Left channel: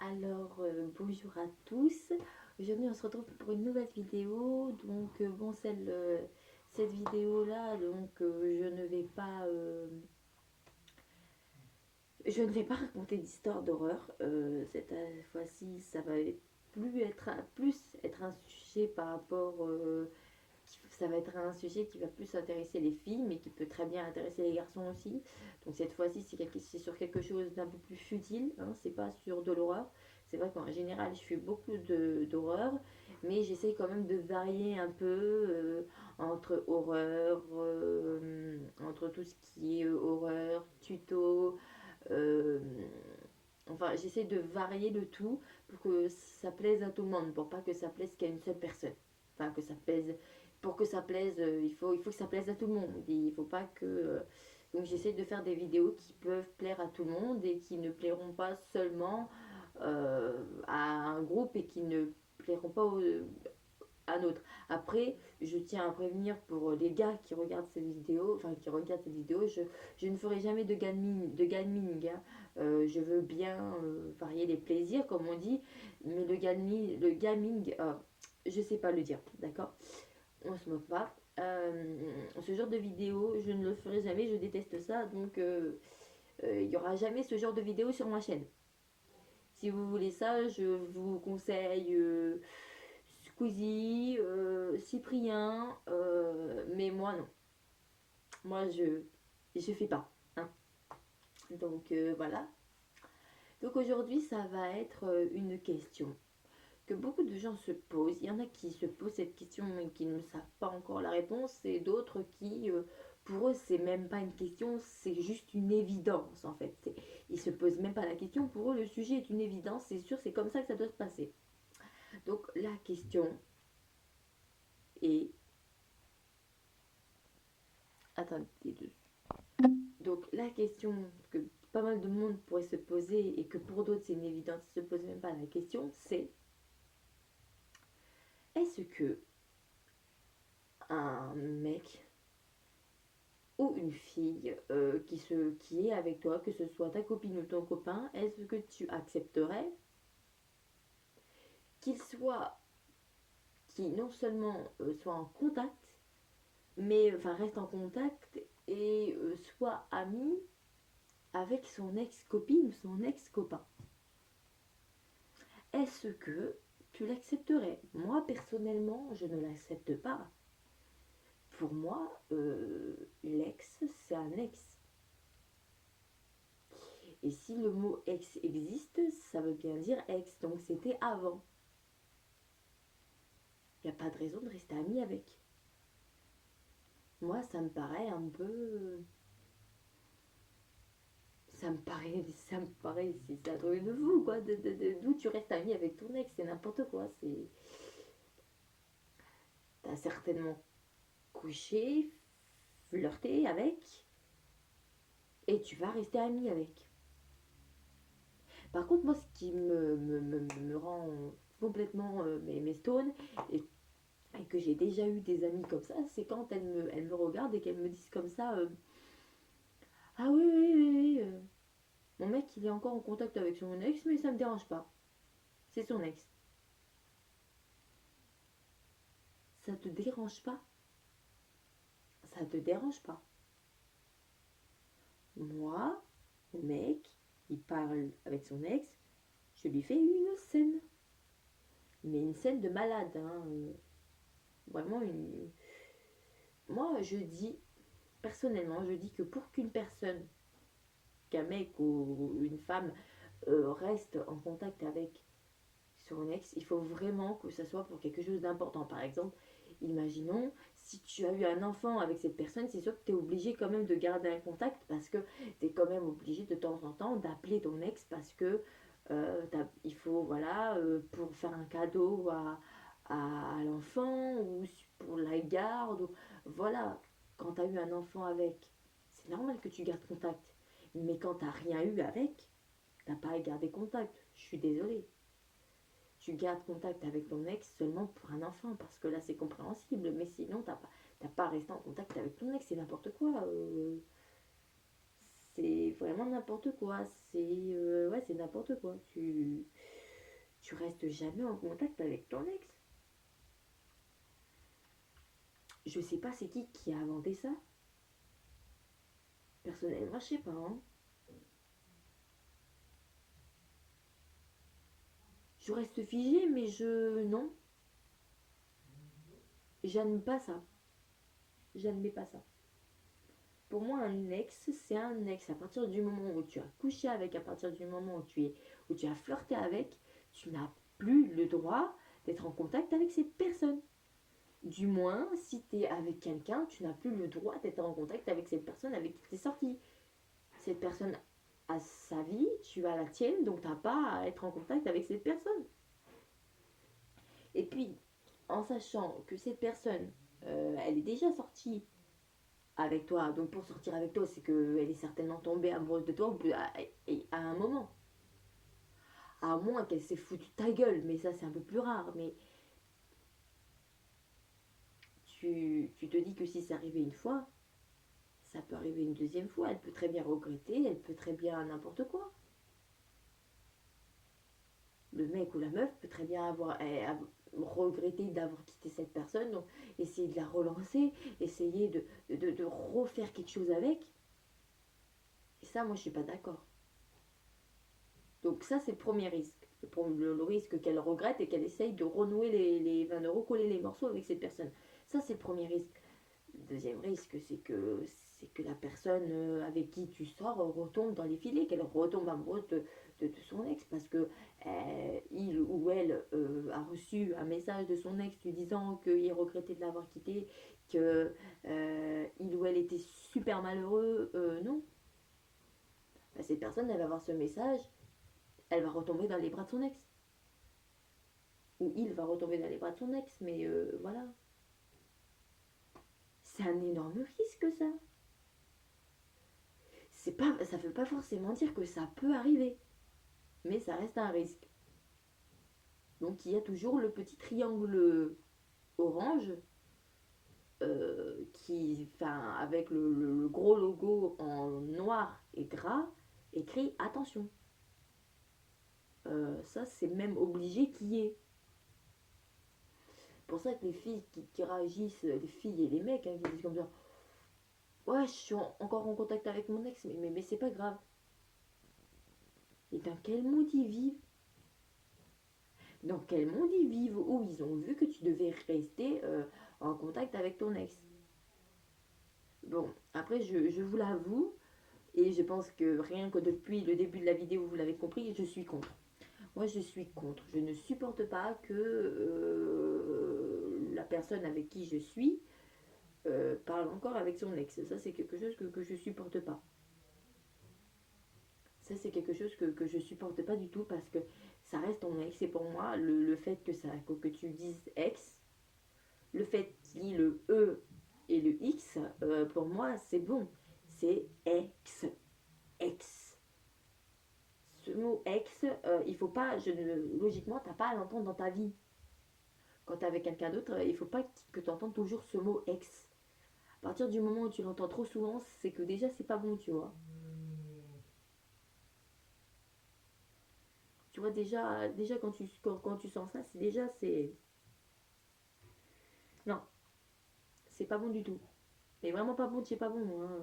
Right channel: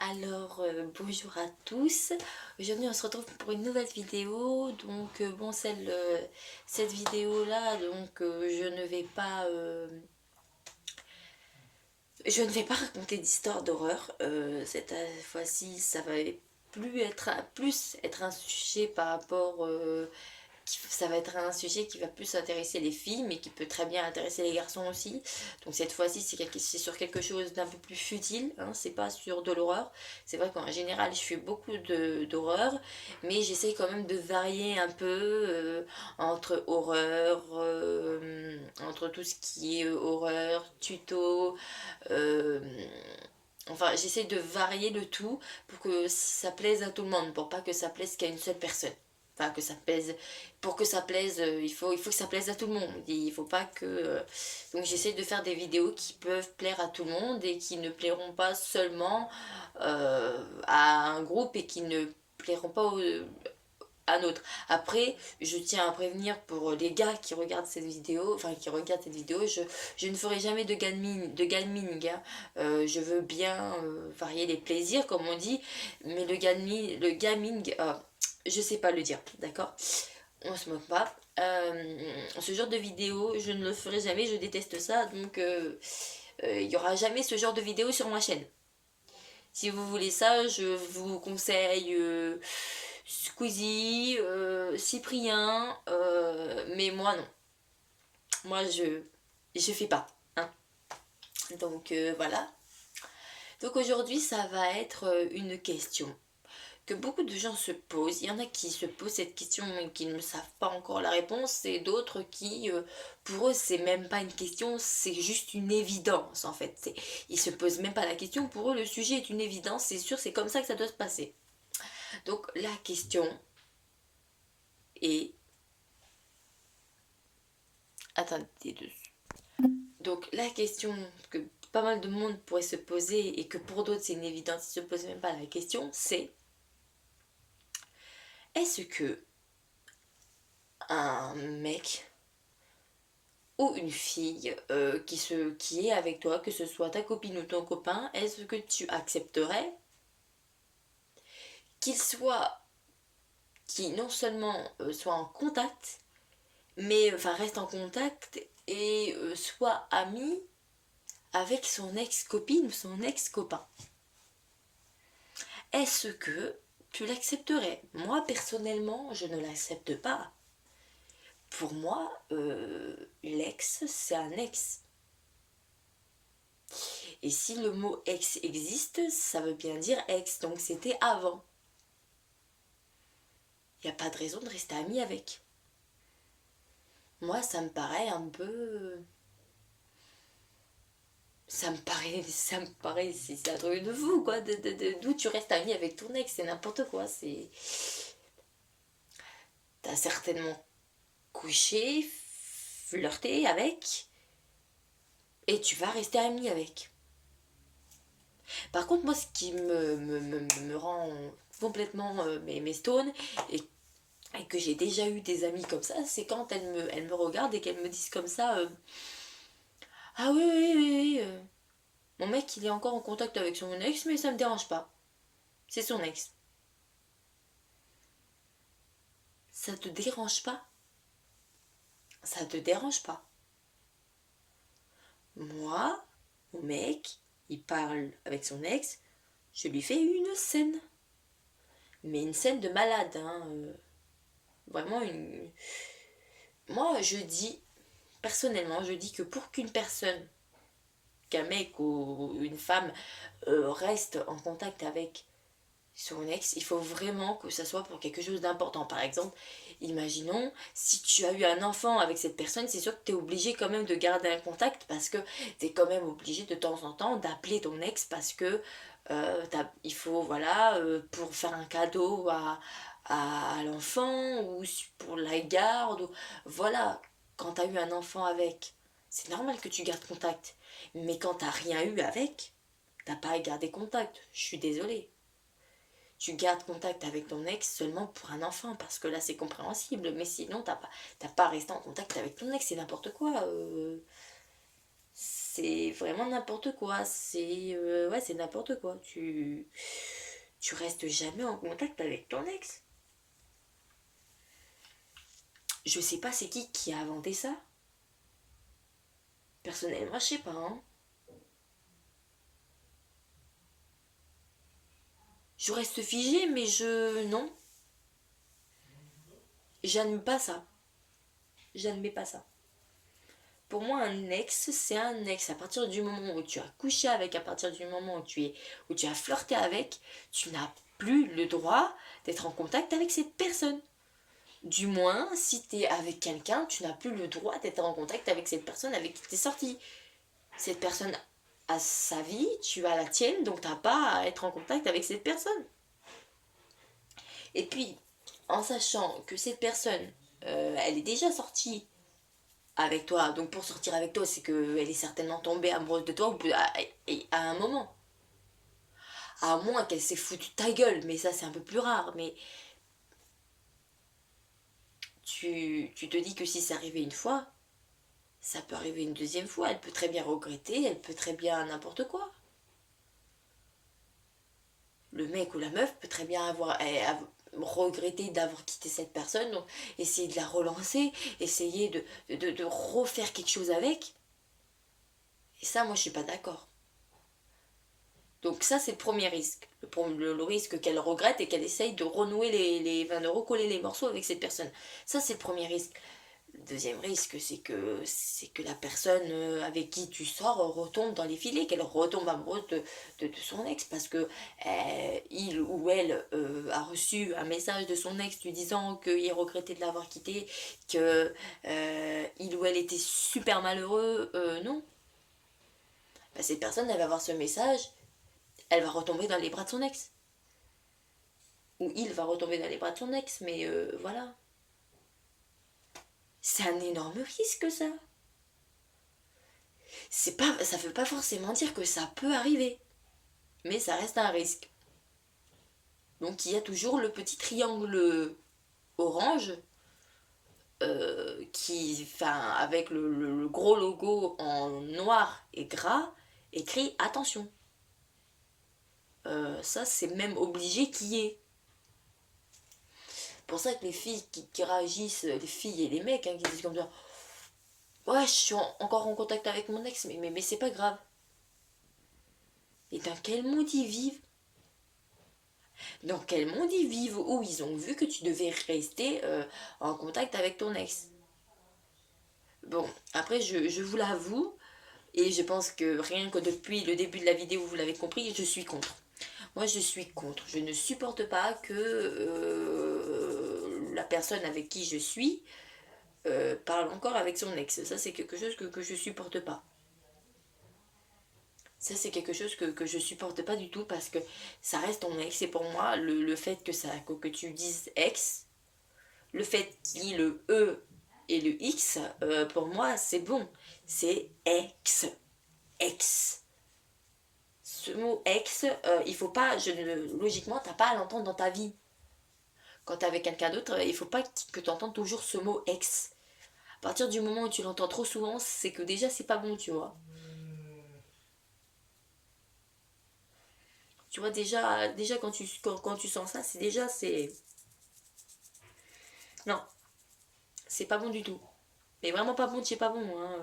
Alors, bonjour à tous. Aujourd'hui, on se retrouve pour une nouvelle vidéo. Donc, cette vidéo-là, je ne vais pas raconter d'histoire d'horreur. Cette fois-ci, ça va plus être un sujet par rapport ça va être un sujet qui va plus intéresser les filles, mais qui peut très bien intéresser les garçons aussi. Donc cette fois-ci, c'est sur quelque chose d'un peu plus futile, hein, c'est pas sur de l'horreur. C'est vrai qu'en général, je fais beaucoup d'horreur, mais j'essaye quand même de varier un peu entre horreur, entre tout ce qui est horreur, tuto. euh, Enfin, j'essaie de varier le tout pour que ça plaise à tout le monde, pour pas que ça plaise qu'à une seule personne. Enfin, que ça plaise. Pour que ça plaise, il faut que ça plaise à tout le monde. Il faut pas que. Donc, j'essaie de faire des vidéos qui peuvent plaire à tout le monde et qui ne plairont pas seulement à un groupe et qui ne plairont pas à nôtre. Après, je tiens à prévenir pour les gars qui regardent cette vidéo, je ne ferai jamais de gaming, hein. Je veux bien varier les plaisirs, comme on dit, mais le gaming, je sais pas le dire, d'accord? On se moque pas. Ce genre de vidéo, je ne le ferai jamais, je déteste ça, donc il y aura jamais ce genre de vidéo sur ma chaîne. Si vous voulez ça, je vous conseille Squeezie, Cyprien, mais moi non. Moi je fais pas, hein. Donc voilà. Donc aujourd'hui ça va être une question que beaucoup de gens se posent. Il y en a qui se posent cette question et qui ne savent pas encore la réponse, et d'autres qui, pour eux, c'est même pas une question, c'est juste une évidence en fait. Ils se posent même pas la question, pour eux, le sujet est une évidence, c'est sûr, c'est comme ça que ça doit se passer. Donc la question est. Attendez deux. Donc la question que pas mal de monde pourrait se poser et que pour d'autres c'est une évidence, ils se posent même pas la question, c'est est-ce que un mec ou une fille qui est avec toi, que ce soit ta copine ou ton copain, est-ce que tu accepterais qu'il soit, qui non seulement soit en contact, mais enfin reste en contact et soit ami avec son ex-copine ou son ex-copain? Est-ce que tu l'accepterais? Moi personnellement, je ne l'accepte pas. Pour moi, l'ex, c'est un ex. Et si le mot ex existe, ça veut bien dire ex, donc c'était avant. Il n'y a pas de raison de rester ami avec. Moi, ça me paraît un peu. C'est un truc de fou, quoi. D'où tu restes ami avec ton ex, c'est n'importe quoi. T'as certainement couché, flirté avec, et tu vas rester ami avec. Par contre, moi, ce qui me rend complètement mes stones et que j'ai déjà eu des amis comme ça, c'est quand elles me regardent et qu'elles me disent comme ça ah oui, oui, oui, oui, mon mec, il est encore en contact avec son ex, mais ça me dérange pas. C'est son ex. Ça te dérange pas? Ça te dérange pas? Moi, mon mec, il parle avec son ex, je lui fais une scène. Mais une scène de malade, hein. Vraiment une. Moi, je dis, personnellement, je dis que pour qu'un mec ou une femme reste en contact avec son ex, il faut vraiment que ça soit pour quelque chose d'important. Par exemple, imaginons, si tu as eu un enfant avec cette personne, c'est sûr que tu es obligé quand même de garder un contact parce que tu es quand même obligé de temps en temps d'appeler ton ex parce que il faut, voilà, pour faire un cadeau à l'enfant ou pour la garde. Voilà, quand tu as eu un enfant avec, c'est normal que tu gardes contact. Mais quand t'as rien eu avec, t'as pas à garder contact. Je suis désolée. Tu gardes contact avec ton ex seulement pour un enfant, parce que là c'est compréhensible, mais sinon t'as pas à rester en contact avec ton ex, c'est n'importe quoi. c'est vraiment n'importe quoi. Ouais, c'est n'importe quoi. Tu restes jamais en contact avec ton ex. Je sais pas c'est qui a inventé ça. Personnellement, je sais pas, hein. Je reste figée, mais je... Non, j'admets pas ça. J'admets pas ça. Pour moi, un ex, c'est un ex. À partir du moment où tu as couché avec, à partir du moment où tu as flirté avec, tu n'as plus le droit d'être en contact avec cette personne. Du moins, si tu es avec quelqu'un, tu n'as plus le droit d'être en contact avec cette personne avec qui tu es sorti. Cette personne a sa vie, tu as la tienne, donc tu n'as pas à être en contact avec cette personne. Et puis, en sachant que cette personne, elle est déjà sortie avec toi, donc pour sortir avec toi, c'est qu'elle est certainement tombée amoureuse de toi à un moment. À moins qu'elle s'est foutue de ta gueule, mais ça c'est un peu plus rare. Mais tu te dis que si c'est arrivé une fois, ça peut arriver une deuxième fois. Elle peut très bien regretter, elle peut très bien n'importe quoi. Le mec ou la meuf peut très bien regretter d'avoir quitté cette personne, donc essayer de la relancer, essayer de refaire quelque chose avec. Et ça, moi, je suis pas d'accord. Donc ça, c'est le premier risque. Le risque qu'elle regrette et qu'elle essaye de renouer de recoller les morceaux avec cette personne. Ça, c'est le premier risque. Le deuxième risque, c'est que la personne avec qui tu sors retombe dans les filets, qu'elle retombe amoureuse de son ex parce que il ou elle a reçu un message de son ex lui disant qu'il regrettait de l'avoir quitté, que il ou elle était super malheureux. Non. Bah, cette personne, elle va voir ce message, elle va retomber dans les bras de son ex. Ou il va retomber dans les bras de son ex, mais voilà. C'est un énorme risque, ça. Ça veut pas forcément dire que ça peut arriver, mais ça reste un risque. Donc il y a toujours le petit triangle orange avec le gros logo en noir et gras écrit attention. Ça c'est même obligé qu'il y ait. C'est pour ça que les filles qui réagissent, les filles et les mecs qui disent comme ça, ouais, je suis encore en contact avec mon ex, mais c'est pas grave. Et dans quel monde ils vivent? Dans quel monde ils vivent où ils ont vu que tu devais rester en contact avec ton ex? Bon, après, je vous l'avoue, et je pense que rien que depuis le début de la vidéo, vous l'avez compris, je suis contre. Moi, je suis contre. Je ne supporte pas que la personne avec qui je suis parle encore avec son ex. Ça, c'est quelque chose que je supporte pas. Ça, c'est quelque chose que je supporte pas du tout parce que ça reste ton ex. Et pour moi, le fait que tu dises ex, le fait qu'il y ait le E et le X, pour moi, c'est bon. C'est ex. Ex. Ce mot ex, il faut pas, logiquement, t'as pas à l'entendre dans ta vie. Quand t'es avec quelqu'un d'autre, il faut pas que tu entendes toujours ce mot ex. À partir du moment où tu l'entends trop souvent, c'est que déjà c'est pas bon, tu vois. Tu vois, déjà quand tu sens ça, c'est. Non, c'est pas bon du tout. Mais vraiment pas bon, c'est pas bon, hein.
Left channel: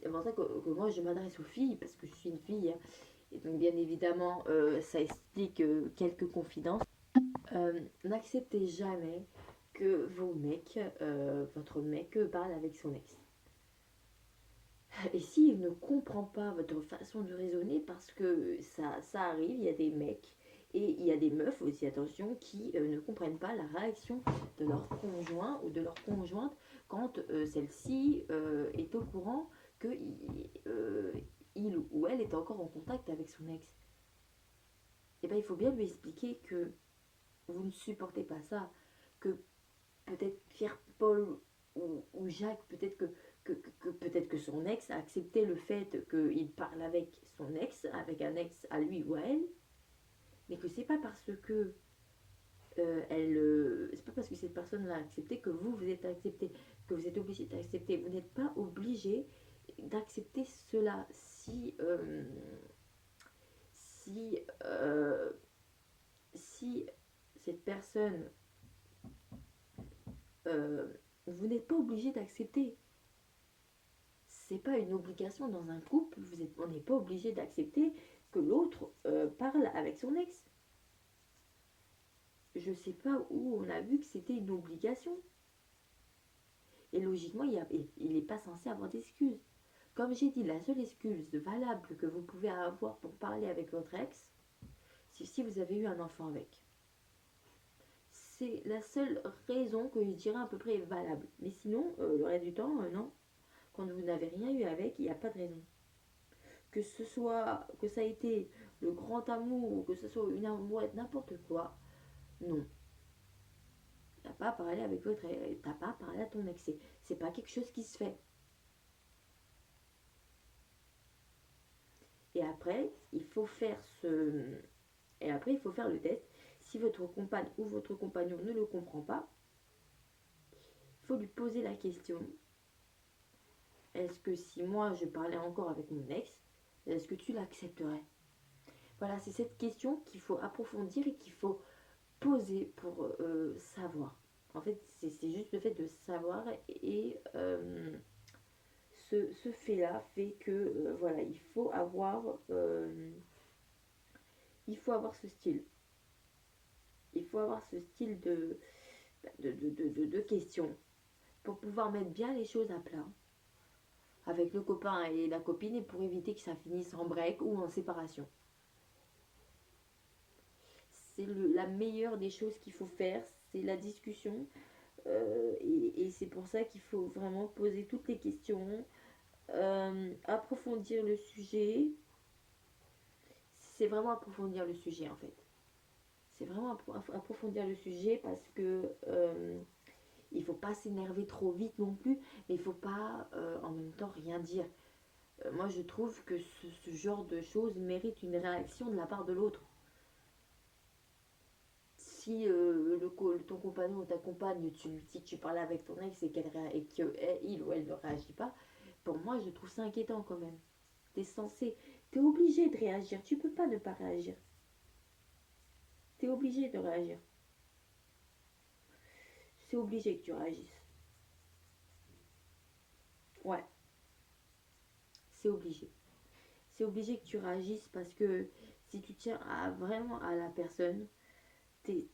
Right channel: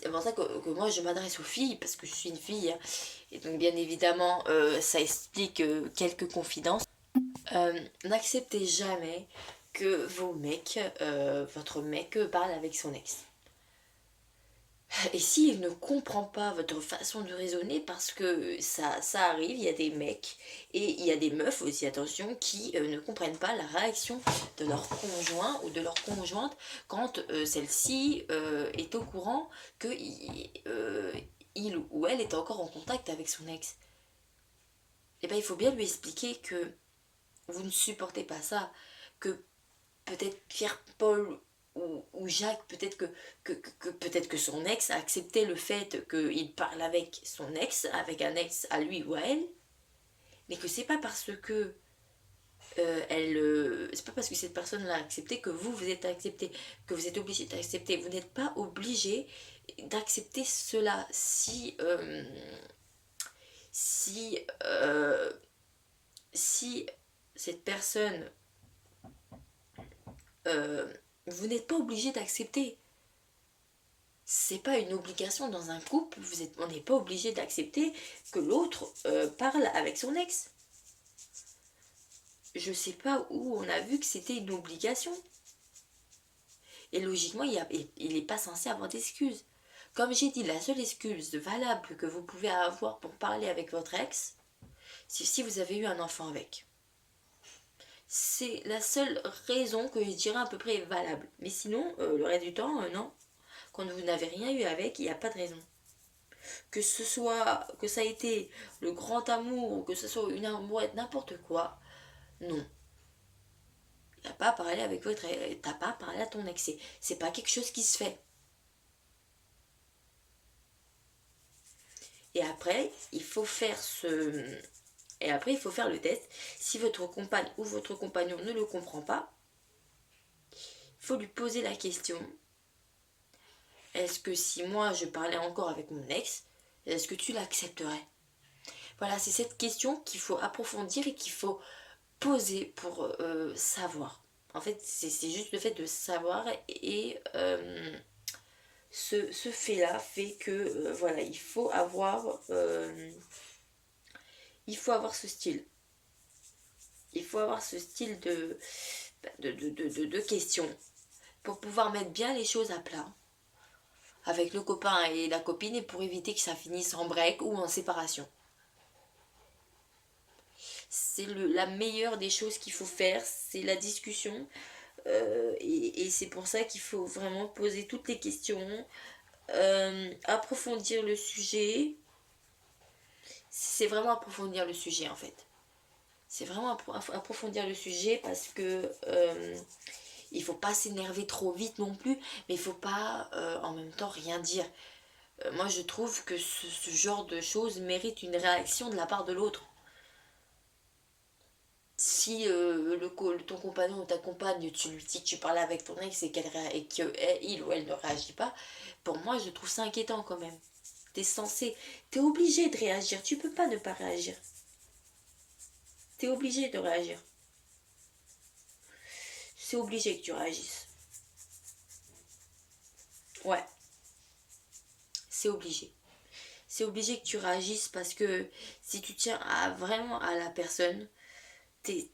C'est pour ça que moi je m'adresse aux filles, parce que je suis une fille. Et donc bien évidemment, ça explique quelques confidences. N'acceptez jamais que votre mec parle avec son ex. Et s'il ne comprend pas votre façon de raisonner, parce que ça arrive, il y a des mecs et il y a des meufs aussi, attention, qui ne comprennent pas la réaction de leur conjoint ou de leur conjointe quand celle-ci est au courant que il ou elle est encore en contact avec son ex. Et bien il faut bien lui expliquer que vous ne supportez pas ça, que peut-être Pierre-Paul ou Jacques, peut-être que son ex a accepté le fait qu'il parle avec son ex, avec un ex à lui ou à elle, mais que c'est pas parce que c'est pas parce que cette personne l'a accepté que vous êtes accepté, que vous êtes obligé d'accepter. Vous n'êtes pas obligé d'accepter cela. Si, euh, si cette personne, euh, vous n'êtes pas obligé d'accepter. C'est pas une obligation dans un couple. On n'est pas obligé d'accepter que l'autre parle avec son ex. Je sais pas où on a vu que c'était une obligation. Et logiquement, il n'est pas censé avoir d'excuses. Comme j'ai dit, la seule excuse valable que vous pouvez avoir pour parler avec votre ex, c'est si vous avez eu un enfant avec. C'est la seule raison que je dirais à peu près valable. Mais sinon, le reste du temps, non. Quand vous n'avez rien eu avec, il n'y a pas de raison. Que ça a été le grand amour, ou que ce soit une amourette, n'importe quoi, non. T'as pas parlé avec votre ex, t'as pas parlé à ton ex. C'est pas quelque chose qui se fait. Et après, il faut faire le test. Si votre compagne ou votre compagnon ne le comprend pas, il faut lui poser la question. Est-ce que si moi je parlais encore avec mon ex, est-ce que tu l'accepterais? Voilà, c'est cette question qu'il faut approfondir et qu'il faut poser pour savoir. En fait, c'est juste le fait de savoir et ce fait-là fait que voilà, il faut avoir ce style. Il faut avoir ce style de questions pour pouvoir mettre bien les choses à plat avec le copain et la copine et pour éviter que ça finisse en break ou en séparation. C'est la meilleure des choses qu'il faut faire, c'est la discussion. Et c'est pour ça qu'il faut vraiment poser toutes les questions, approfondir le sujet. C'est vraiment approfondir le sujet en fait. C'est vraiment approfondir le sujet parce que il faut pas s'énerver trop vite non plus, mais il faut pas en même temps rien dire. Moi je trouve que ce genre de choses mérite une réaction de la part de l'autre. Si ton compagnon ou ta compagne, tu lui dis que tu parles avec ton ex et qu'il ou elle ne réagit pas, pour moi je trouve ça inquiétant quand même. T'es obligé de réagir, tu peux pas ne pas réagir. T'es obligé de réagir. C'est obligé que tu réagisses. Ouais, c'est obligé. C'est obligé que tu réagisses parce que si tu tiens vraiment à la personne,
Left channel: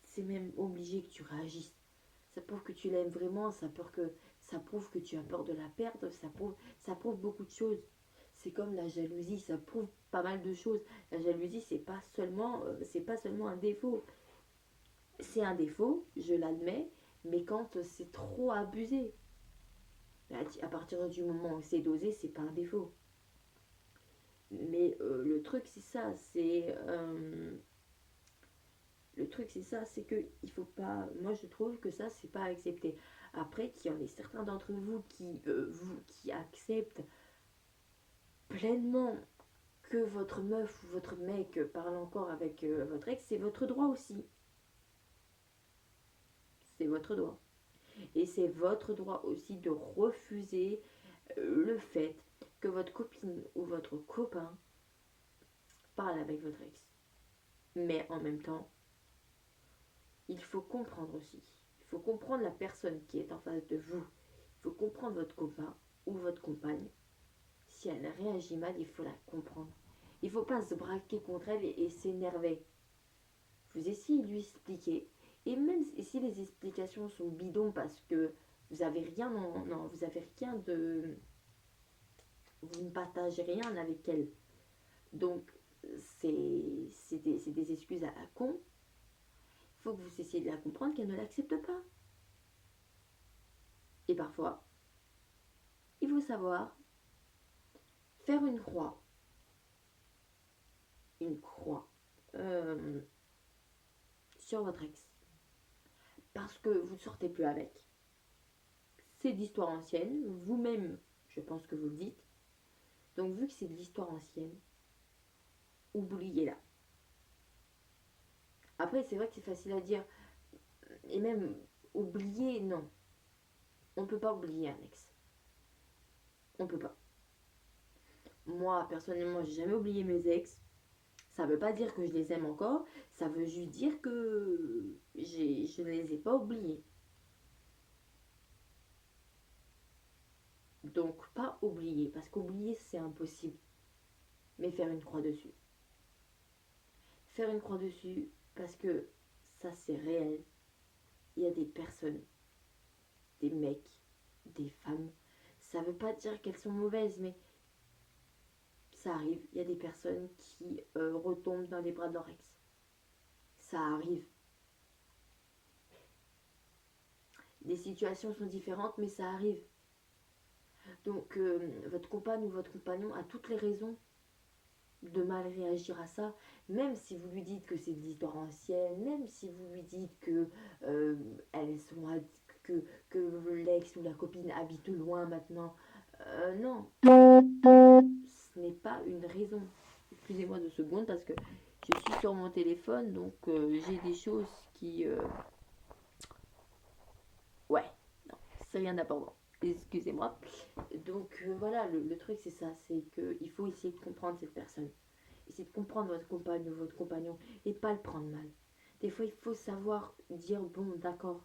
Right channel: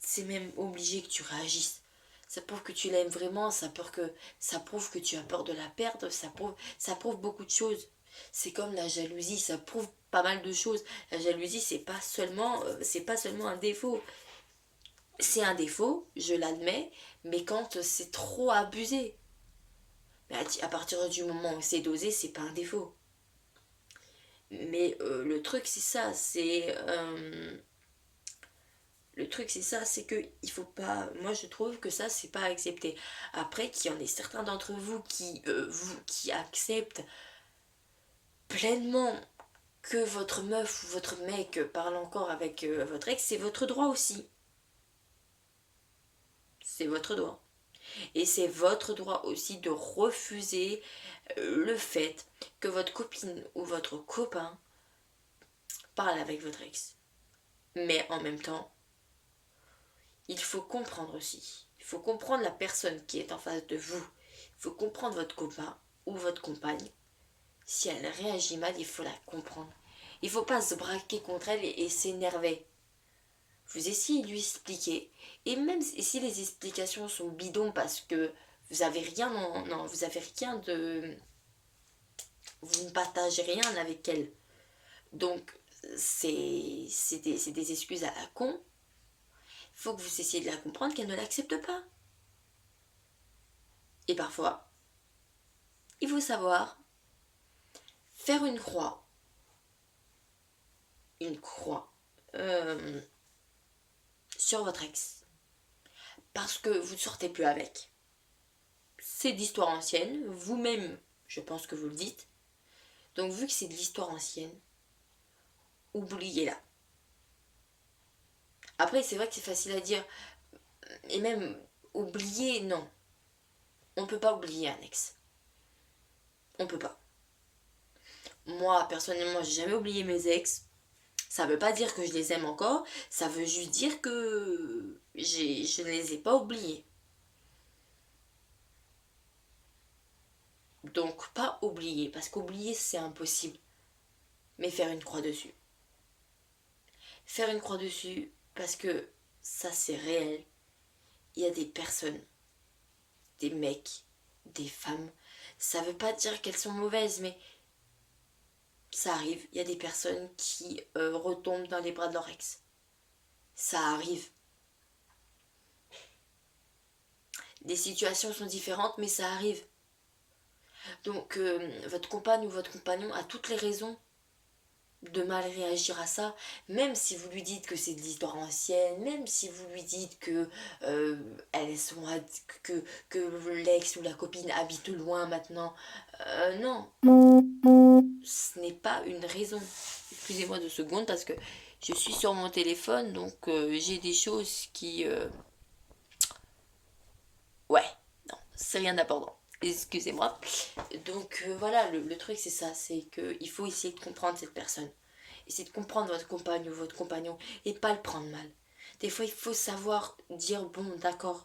c'est même obligé que tu réagisses. Ça prouve que tu l'aimes vraiment, ça prouve que tu as peur de la perdre, ça prouve beaucoup de choses. C'est comme la jalousie, ça prouve pas mal de choses. La jalousie, c'est pas seulement un défaut. C'est un défaut, je l'admets, mais quand c'est trop abusé. Mais à partir du moment où c'est dosé, c'est pas un défaut. Mais le truc c'est ça, c'est que il faut pas. Moi je trouve que ça c'est pas accepté. Après qu'il y en ait certains d'entre vous qui acceptent pleinement que votre meuf ou votre mec parle encore avec votre ex, c'est votre droit aussi. C'est votre droit. Et c'est votre droit aussi de refuser le fait que votre copine ou votre copain parle avec votre ex. Mais en même temps, il faut comprendre aussi. Il faut comprendre la personne qui est en face de vous. Il faut comprendre votre copain ou votre compagne. Si elle réagit mal, il faut la comprendre. Il ne faut pas se braquer contre elle et s'énerver. Vous essayez de lui expliquer. Et même si les explications sont bidons parce que vous avez rien, non, vous avez rien de... Vous ne partagez rien avec elle. Donc, c'est des excuses à la con. Il faut que vous essayiez de la comprendre qu'elle ne l'accepte pas. Et parfois, il faut savoir faire une croix euh, sur votre ex. Parce que vous ne sortez plus avec. C'est d'histoire ancienne, vous-même, je pense que vous le dites. Donc vu que c'est de l'histoire ancienne, oubliez-la. Après, c'est vrai que c'est facile à dire. Et même, oublier, non. On ne peut pas oublier un ex. On ne peut pas. Moi, personnellement, j'ai jamais oublié mes ex. Ça veut pas dire que je les aime encore, ça veut juste dire que je ne les ai pas oubliés. Donc, pas oublier, parce qu'oublier, c'est impossible. Mais faire une croix dessus. Faire une croix dessus, parce que ça, c'est réel. Il y a des personnes, des mecs, des femmes. Ça veut pas dire qu'elles sont mauvaises, mais ça arrive. Il y a des personnes qui retombent dans les bras de leur ex. Ça arrive. Des situations sont différentes, mais ça arrive. Donc, votre compagne ou votre compagnon a toutes les raisons de mal réagir à ça, même si vous lui dites que c'est de l'histoire ancienne, même si vous lui dites que elles sont que l'ex ou la copine habite loin maintenant. Non, ce n'est pas une raison. Excusez-moi 2 secondes parce que je suis sur mon téléphone, donc j'ai des choses qui... Ouais, non, c'est rien d'important. Excusez-moi. Donc voilà, le truc c'est ça, c'est qu'il faut essayer de comprendre cette personne. Essayer de comprendre votre compagne ou votre compagnon et pas le prendre mal. Des fois, il faut savoir dire bon, d'accord,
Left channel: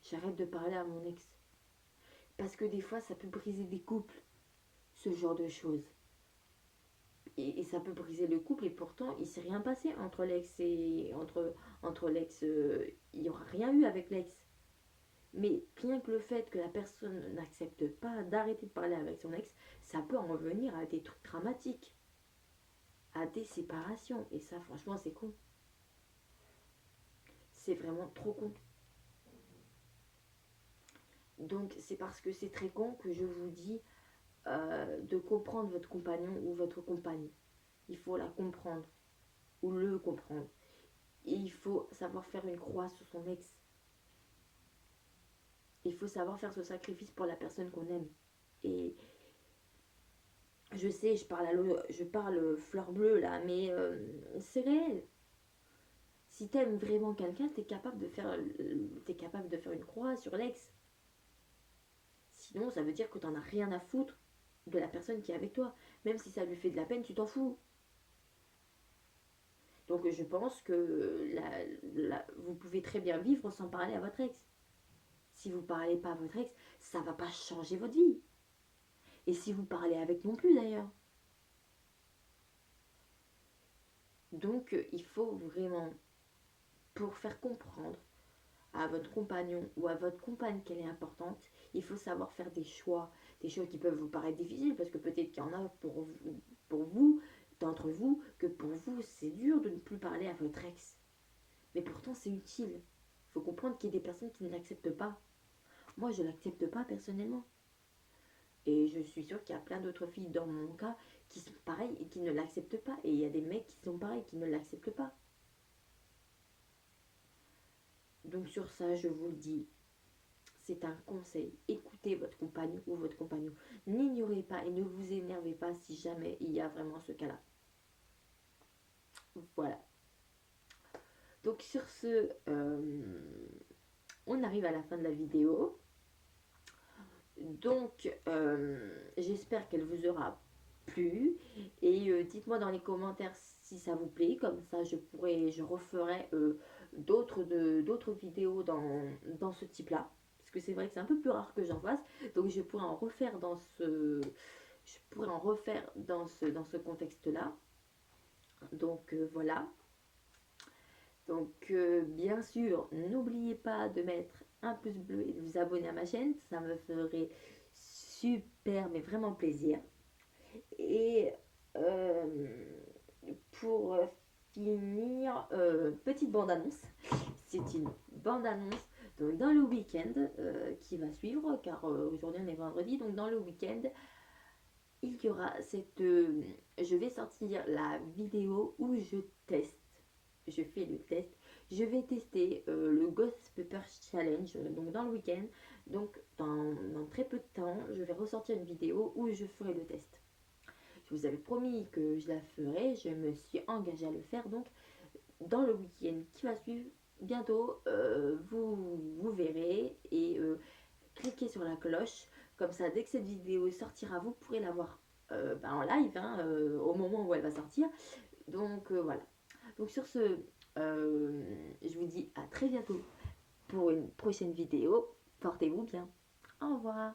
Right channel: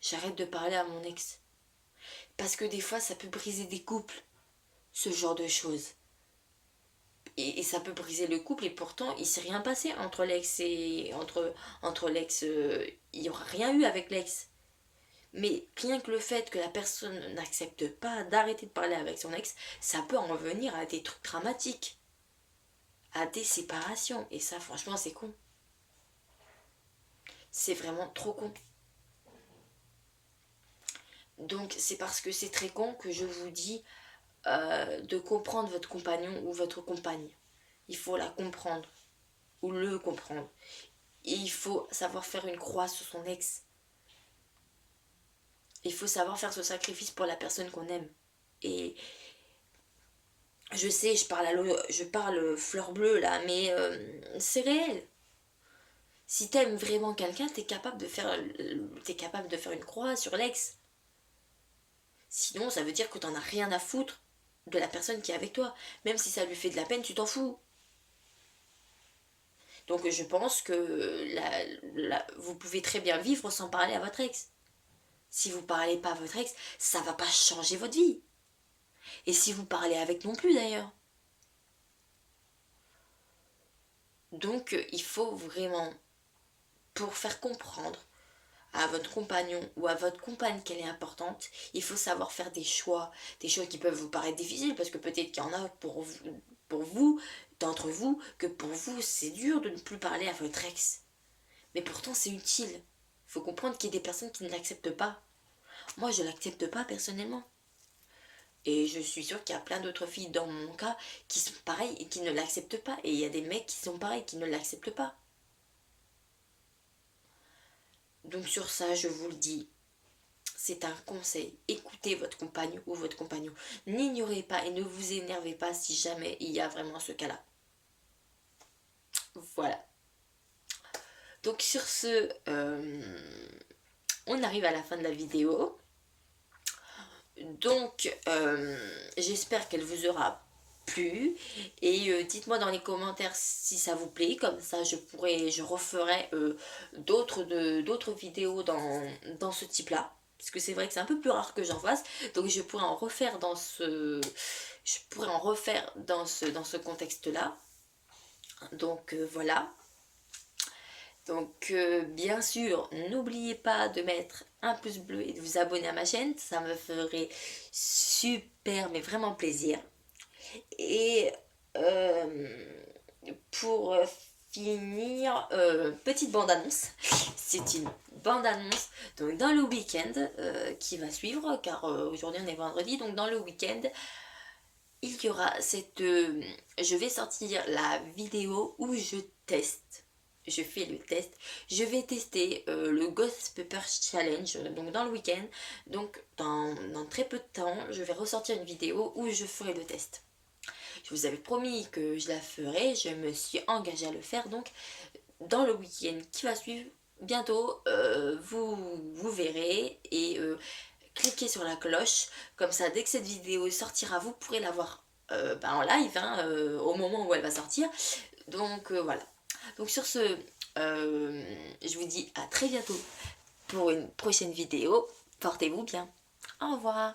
j'arrête de parler à mon ex. Parce que des fois, ça peut briser des couples, ce genre de choses. Et ça peut briser le couple et pourtant, il s'est rien passé entre l'ex et... Entre l'ex, il n'y aura rien eu avec l'ex. Mais rien que le fait que la personne n'accepte pas d'arrêter de parler avec son ex, ça peut en venir à des trucs dramatiques, à des séparations. Et ça, franchement, c'est con. C'est vraiment trop con. Donc c'est parce que c'est très con que je vous dis de comprendre votre compagnon ou votre compagne. Il faut la comprendre ou le comprendre. Et il faut savoir faire une croix sur son ex. Il faut savoir faire ce sacrifice pour la personne qu'on aime. Et je sais, je parle fleur bleue là, mais c'est réel. Si t'aimes vraiment quelqu'un, t'es capable de faire une croix sur l'ex. Sinon, ça veut dire que t'en as rien à foutre de la personne qui est avec toi. Même si ça lui fait de la peine, tu t'en fous. Donc je pense que vous pouvez très bien vivre sans parler à votre ex. Si vous parlez pas à votre ex, ça va pas changer votre vie. Et si vous parlez avec non plus d'ailleurs. Donc il faut vraiment, pour faire comprendre à votre compagnon ou à votre compagne qu'elle est importante, il faut savoir faire des choix qui peuvent vous paraître difficiles parce que peut-être qu'il y en a pour vous, d'entre vous, que pour vous c'est dur de ne plus parler à votre ex. Mais pourtant c'est utile. Il faut comprendre qu'il y a des personnes qui ne l'acceptent pas. Moi je l'accepte pas personnellement. Et je suis sûre qu'il y a plein d'autres filles dans mon cas qui sont pareilles et qui ne l'acceptent pas. Et il y a des mecs qui sont pareils, qui ne l'acceptent pas. Donc sur ça, je vous le dis, c'est un conseil. Écoutez votre compagne ou votre compagnon. N'ignorez pas et ne vous énervez pas si jamais il y a vraiment ce cas-là. Voilà. Donc sur ce, on arrive à la fin de la vidéo. Donc j'espère qu'elle vous aura plu et dites-moi dans les commentaires si ça vous plaît, comme ça je referai d'autres vidéos dans ce type là, parce que c'est vrai que c'est un peu plus rare que j'en fasse, donc je pourrais en refaire dans ce contexte là. Donc voilà. Donc bien sûr, n'oubliez pas de mettre un pouce bleu et de vous abonner à ma chaîne, ça me ferait super mais vraiment plaisir. Et pour finir, petite bande-annonce. C'est une bande-annonce donc dans le week-end qui va suivre, car aujourd'hui on est vendredi, donc dans le week-end, il y aura je vais sortir la vidéo où je teste. Je fais le test. Je vais tester le Ghost Pepper Challenge donc dans le week-end. Donc dans très peu de temps, je vais ressortir une vidéo où je ferai le test. Je vous avais promis que je la ferai, je me suis engagée à le faire, donc dans le week-end qui va suivre, bientôt, vous verrez et cliquez sur la cloche, comme ça dès que cette vidéo sortira, vous pourrez la voir en live, hein, au moment où elle va sortir. Donc voilà. Donc sur ce, je vous dis à très bientôt pour une prochaine vidéo. Portez-vous bien. Au revoir.